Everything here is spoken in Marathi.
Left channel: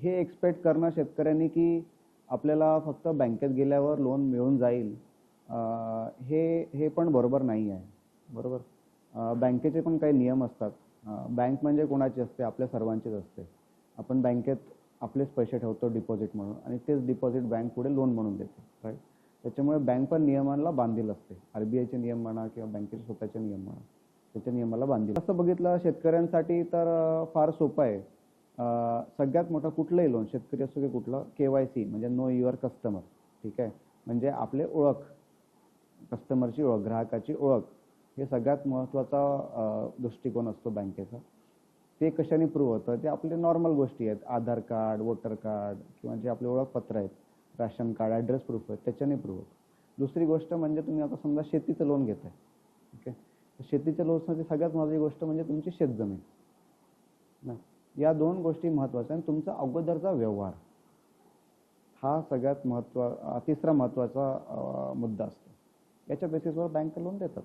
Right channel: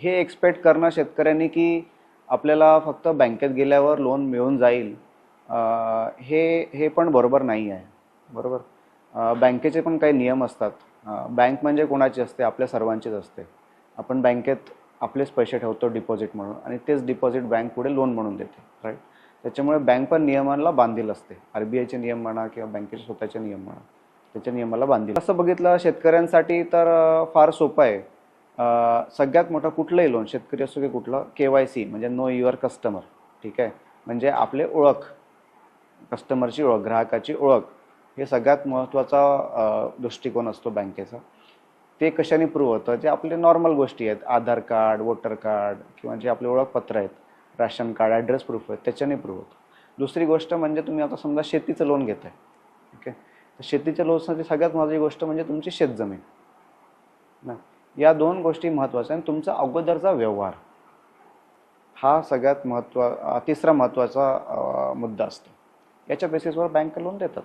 हे एक्सपेक्ट करणं शेतकऱ्यांनी की आपल्याला फक्त बँकेत गेल्यावर लोन मिळून जाईल. हे हे पण बरोबर नाही आहे. बरोबर? बँकेचे पण काही नियम असतात. बँक म्हणजे कोणाची असते? आपल्या सर्वांचीच असते. आपण बँकेत आपलेच पैसे ठेवतो डिपॉझिट म्हणून आणि तेच डिपॉझिट बँक पुढे लोन म्हणून देते राईट त्याच्यामुळे बँक पण नियमांना बांधील असते. आर बी आयचे नियम म्हणा किंवा बँकेचे स्वतःचे नियम म्हणा त्याच्या नियमाला बांधील असं बघितलं शेतकऱ्यांसाठी तर फार सोपं आहे. सगळ्यात मोठं कुठलंही लोन शेतकरी असो की कुठलं के वाय सी म्हणजे नो युअर कस्टमर ठीक आहे? म्हणजे आपले ओळख कस्टमरची ओळख ग्राहकाची ओळख हे सगळ्यात महत्त्वाचा दृष्टिकोन असतो बँकेचा. ते कशाने प्रूव्ह होतं? जे आपले नॉर्मल गोष्टी आहेत आधार कार्ड वोटर कार्ड किंवा जे आपले ओळखपत्र आहेत राशन कार्ड ॲड्रेस प्रूफ आहेत त्याच्याने प्रूव्ह होतं. दुसरी गोष्ट म्हणजे तुम्ही आता समजा शेतीचं लोन घेत आहे? ओके तर शेतीच्या लोनसाठी सगळ्यात महत्त्वाची गोष्ट म्हणजे तुमची शेतजमीन. ना? या दोन गोष्टी महत्त्वाच्या आणि तुमचा अगोदरचा व्यवहार हा सगळ्यात महत्त्वा तिसरा महत्त्वाचा मुद्दा असतो. याच्या बेसिसवर बँक लोन देतात.